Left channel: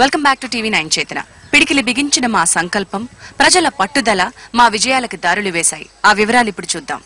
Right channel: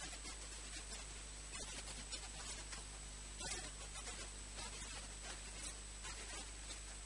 Welcome back to TV9 చేతన. పిడికిలి బిగించిన మా సంకల్పం, ప్రజల పట్టుదల మా విజయాలకు దారులు వేశాయి. ఆ వివరాలు ఇప్పుడు చూద్దాం.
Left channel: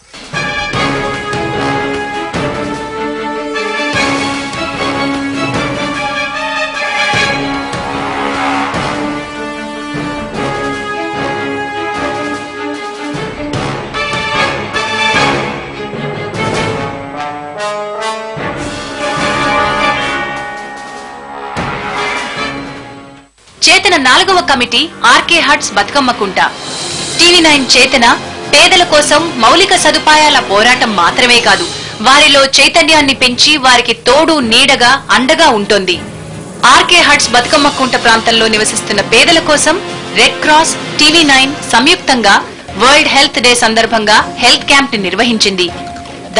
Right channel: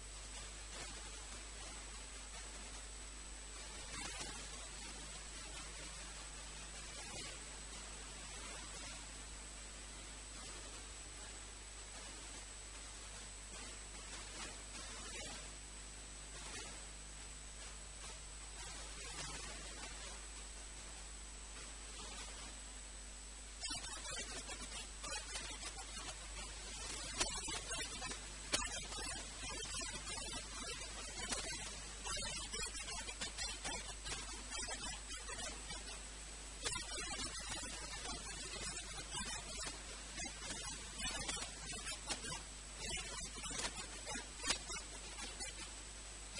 చేతన 4వ committee RK huts Bathukammakunta. TV9 చేతన పేదల కోసం మౌలిక సదుపాయాల పోరాటం మాత్రమే కాదు, వారిలో చైతన్యాన్ని పెంచి వారికి తోడు నీడగా అండగా ఉంటుంది. ఆర్కే హట్స్ బతుకమ్మకుంట ప్రాంతంలో నివసిస్తున్న పేదల కోసం రెడ్ క్రాస్, TV9 సంయుక్తంగా వరల్డ్ హెల్త్ డే సందర్భంగా హెల్త్ క్యాంప్ ని నిర్వహించింది.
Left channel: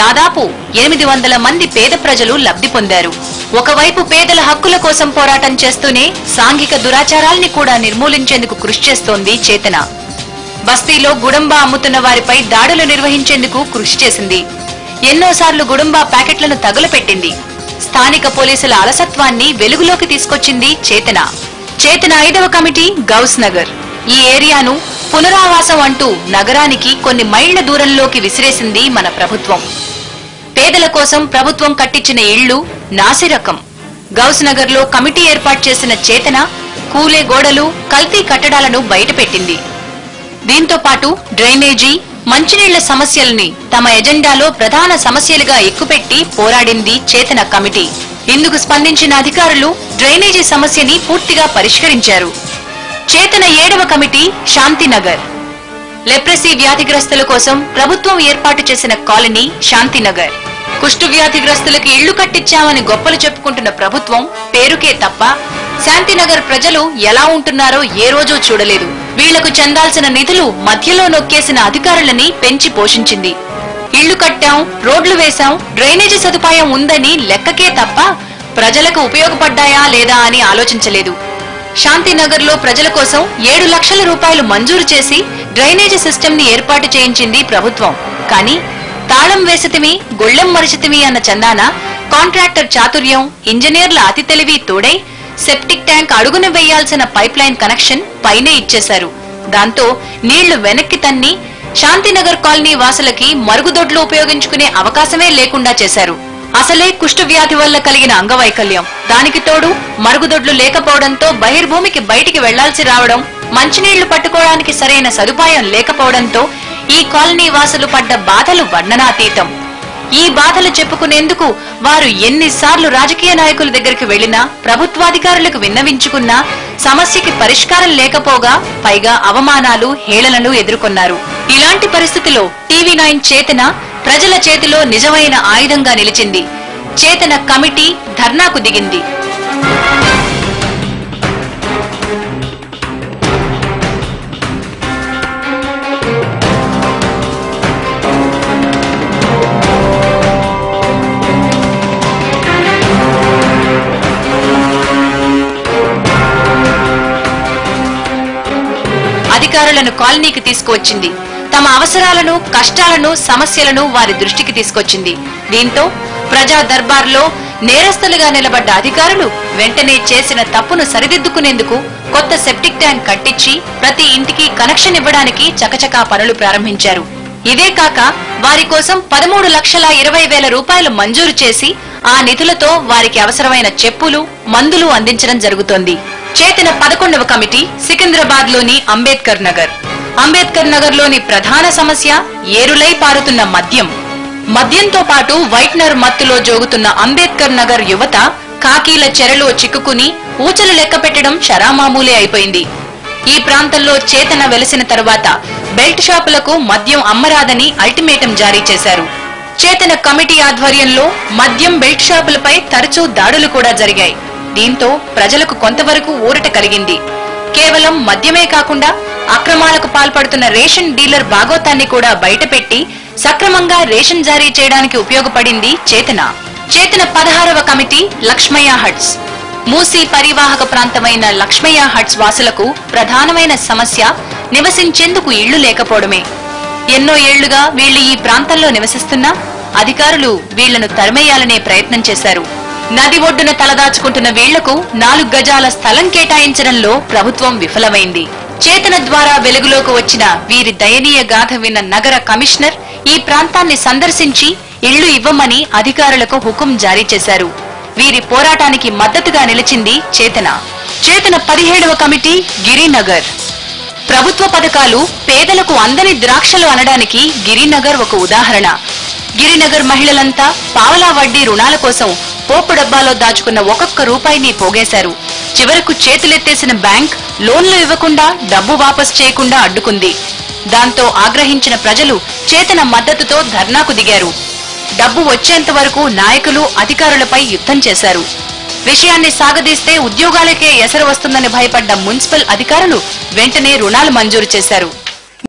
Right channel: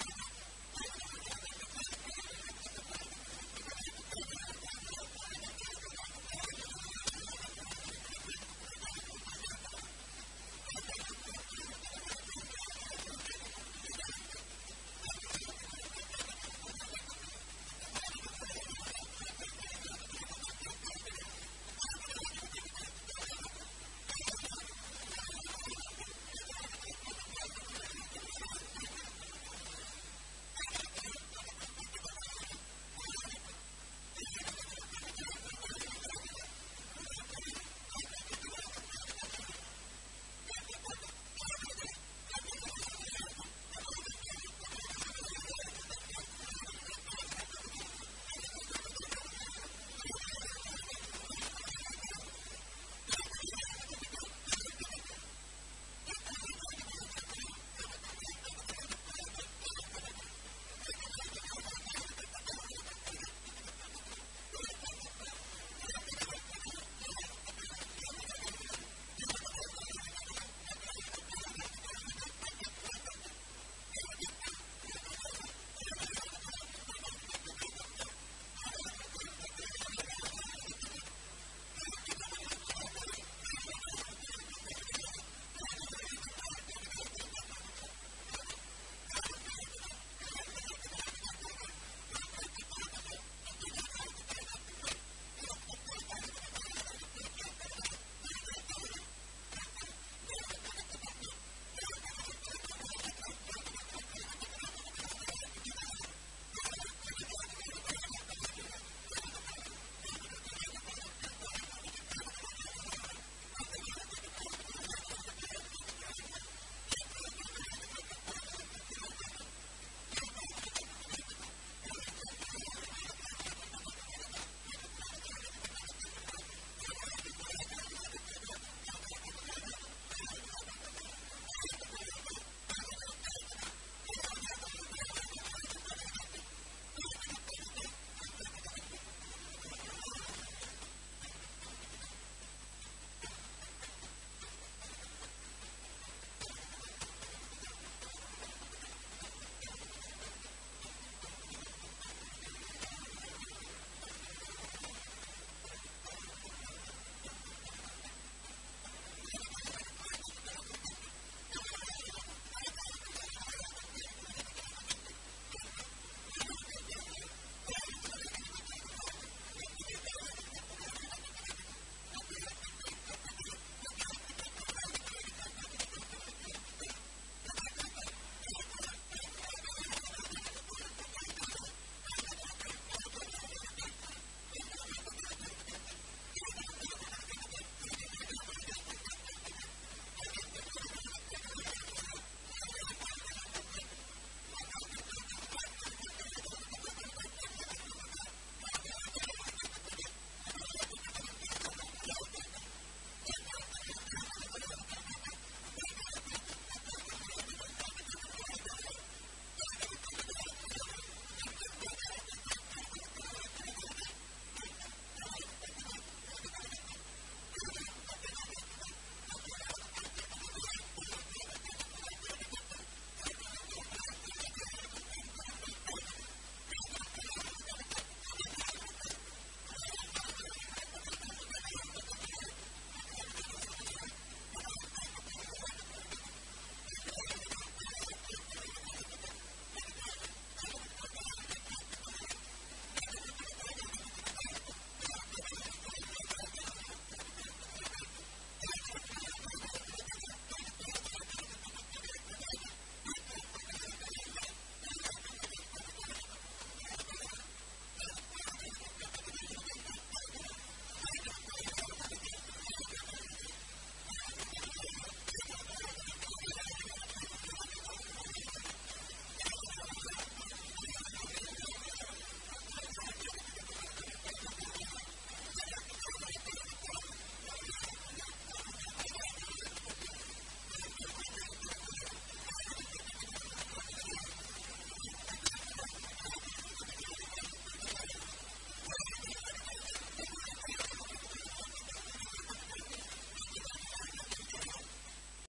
దాదాపు 800 మంది పేద ప్రజలు లబ్ధి పొందారు. ఒకవైపు పేదల హక్కుల కోసం పోరాటం చేస్తూనే సాంఘిక దురాచారాల్ని కూడా నిర్మూలించేందుకు కృషి చేస్తోంది చేతన. బస్తీలో గుడంబా అమ్ముతున్న వారిపై దాడులు నిర్వహించేందుకు కృషి చేసింది. ఎన్నోసార్లు గుడంబా ప్యాకెట్లను తగులపెట్టింది. స్థానిక పోలీసుల అలసత్వాన్ని వెలుగులోకి తీసుకొచ్చింది చేతన. చేతన 5వ కమిటీ గౌస్ నగర్. ఈ ఏరియాను పునరావాసం అంటూ నగరానికి కొన్ని మైళ్ల దూరంలోకి విసిరేసింది మన ప్రభుత్వం. పేదల కోసం ప్రభుత్వం కట్టించిన ఇళ్లు నాసిరకం. గౌస్ నగర్ లో కమిటీ ఏర్పాటు చేసిన చేతన కూలే గోడలు, కల్తీ కట్టడాలను బయటపెట్టింది. దీంతో పాటు డ్రైనేజీ, మంచినీళ్ల సమస్యల్ని తమ ఎజెండాలో ప్రధాన సమస్యలుగా ఎక్కుపెట్టి పోరాడింది చేతన కమిటీ. ఇందుకు స్పందించిన అధికారులు డ్రైనేజీ సమస్యని పూర్తిగా పరిష్కరించారు. చేతన 7వ కమిటీ శాంతినగర్. లెప్రసీ వ్యాధిగ్రస్తుల కోసం ప్రభుత్వం ఏర్పాటు చేసిన కాలనీ శాంతినగర్. కుష్టు వ్యాధిగ్రస్తులకు ఇళ్లు కట్టించామని గొప్పలు చెప్పుకుంటున్న ప్రభుత్వం పేరుకే తప్ప శాంతినగర్ ప్రజలు ఎలా ఉంటున్నారో ఏ రోజూ చూడలేదు. వీళ్లకు చెందాల్సిన నిధులు మధ్యలో నొక్కేసిన అధికారులని పెంచి పోషించింది. ఇళ్లు కట్టాం, రోడ్లు వేశాం, డ్రైనేజీ సదుపాయం ఉందని లెక్కకే తప్ప ప్రజలకు ఉపయోగపడ్డాయా లేదా అని ఆలోచించలేదు. శాంతినగర్ లో ప్రజల కోసం 7 లక్షల రూపాయలు మంజూరు చేసి డ్రైనేజీ సిస్టమ్ ని ఏర్పాటు చేయించింది ప్రభుత్వం. కానీ తాళం వేసితిమి, గొళ్ళెం మరిచితిమి అన్న చందాన కాంట్రాక్టర్ చాతుర్యం, ఇంజనీర్ల అతి తెలివి తోడై సెప్టిక్ ట్యాంక్ అడుగున వేయాల్సిన పైప్ లైన్ కనెక్షన్ పైనే ఇచ్చేశారు. దాంతో నీళ్లు వెనక్కి తన్ని శాంతినగర్ కాలనీ వాసులకి మరుగుదొడ్లు ఉపయోగించుకునే అవకాశమే లేకుండా చేశారు. అసలే కుష్టు వ్యాధి వల్ల కలిగిన అంగవైకల్యం, దానికి తోడు మరుగుదొడ్లు లేకపోవడంతో బహిర్భూమికి బయటికి వెళ్లాల్సి రావడం, మంచినీళ్లు పట్టుకోవడానికి సరైన సదుపాయం లేకపోవడంతో ఈ కాలనీ వాసులు పడ్డ బాధలు వర్ణనాతీతం. ఈ బాధలు చెప్పుకునేందుకు వారు ఎన్నిసార్లు రాజకీయ నాయకుల దగ్గరికి వెళ్లినా, ప్రభుత్వాధికారులకు విన్నవించుకున్నా సమస్యకి పరిష్కారం లేకపోగా పైగా అవమానాలు, హేళనలు ఎదుర్కొన్నారు. ఇలాంటి పరిస్థితిలో TV9 చేతన ప్రజల చేతిలో నిజమైన ఆయుధంగా నిలిచింది. చేతన కమిటీ ధర్నాకు దిగింది. అధికారులను కాలనీకి తీసుకువచ్చింది. తమ అవసరాలను, కష్టాలను, సమస్యలను వారి దృష్టికి తీసుకొచ్చింది. దీంతో ప్రజా దర్బార్లో నేరస్తులుగా నిలబడ్డ అధికారులు వెంటనే చేసిన తప్పును సరిదిద్దుకునేందుకు కొత్త సెప్టిక్ ట్యాంక్ కట్టించి ప్రతి ఇంటికి కనెక్షన్ ఇవ్వడానికి చకచకా పనులు ప్రారంభించారు. ఇదే కాక వారి కోసం 13,20,000 రూపాయలు మంజూరు చేసి ఆ నిధులతో వారికి అవసరమైన చెప్పులు, మందులు అందించడం జరుగుతోంది. చేతన 11వ కమిటీ సికింద్రాబాద్ లోని అంబేద్కర్ నగర్. అంబేద్కర్ నగర్ లోని ప్రధాన సమస్య ఏరులై పారుతున్న మద్యం. మద్యంతో పాటు వైట్నర్ మత్తులో జోగుతున్న అంబేద్కర్ నగర్ యువత కాకీల చెరలో చిక్కుకుని ఊచలు లెక్క పెట్టడం చరామామూలే అయిపోయింది. ఈ ప్రాంతంలో చేతన వెలిసిన తరువాత బెల్ట్ షాపులకు మద్యం అమ్మరాదని అల్టిమేటం జారీ చేశారు. చేతన కమిటీ ఆధ్వర్యంలో మద్యం బెల్ట్ షాపులపై తరచూ దాడులు కూడా జరిగాయి. దీంతో ప్రజలకు కొంతవరకు ఊరట కలిగింది. కేవలం మద్యమే కాకుండా అక్రమాలకు పాల్పడుతున్న రేషన్ డీలర్ బాగోతాన్ని కూడా బయటపెట్టి సక్రమంగా రేషన్ జారీ చేయడానికి ఉపయోగపడింది చేతన. చేతన 16వ కమిటీ లక్ష్మయ్య హట్స్. మూసీ పరివాహక ప్రాంతమైన లక్ష్మయ్య హట్స్ వాసులకు ప్రధానమైన సమస్య నివసించేందుకు ఇళ్లు లేకపోవడమే. ఎన్నో ఏళ్లుగా వీళ్లు ఈ ప్రాంతంలో నివసిస్తున్నా అధికారులు వీళ్లను తరిమేయాలనే ప్రయత్నం చేశారు. నది ఒడ్డున తలదాచుకుంటున్న వీళ్లకు 4 గజాల స్థలం కేటాయించడంలో ప్రభుత్వం విఫలమైంది. చేతన ద్వారా వెలుగులోకి వచ్చిన వీరి దయనీయ గాథ విన్న నగర కమిషనర్ ఈ ప్రాంతాన్ని సందర్శించి ఇళ్లు ఇవ్వమని అధికారులకు హుకుం జారీ చేశారు. వీరి పోరాటానికి మద్దతుగా నిలిచింది చేతన. చేతన 17వ కమిటీ గిరినగర్. ప్రభుత్వ పథకాలు పేదలకు అందని ద్రాక్షలు అనడానికి గిరినగర్ ఒక ఉదాహరణ. గిరినగర్ మహిళలంతా పావలా వడ్డీ రుణాల కోసం పోపు డబ్బాలో దాచుకున్న ఒక్కొక్క రూపాయిని పోగేశారు. చివరకు చేతులెత్తేసిన బ్యాంక్ లోన్లు ఇవ్వకుండా డబ్బు వాపస్ చేయకుండా అడ్డుకుంది. దాంతో ఆగ్రహించిన ప్రజలు చేతన మద్దతుతో ధర్నాకు దిగారు. డబ్బు వచ్చేంత వరకు నాయకులు అధికారులపై యుద్ధం చేశారు. విషయాన్ని సాగదీస్తే ఉద్యోగాలకే ఎసరు వస్తుందని భయపడ్డ మున్సిపల్ అధికారులు వెంటనే రుణాలు మంజూరు చేశారు.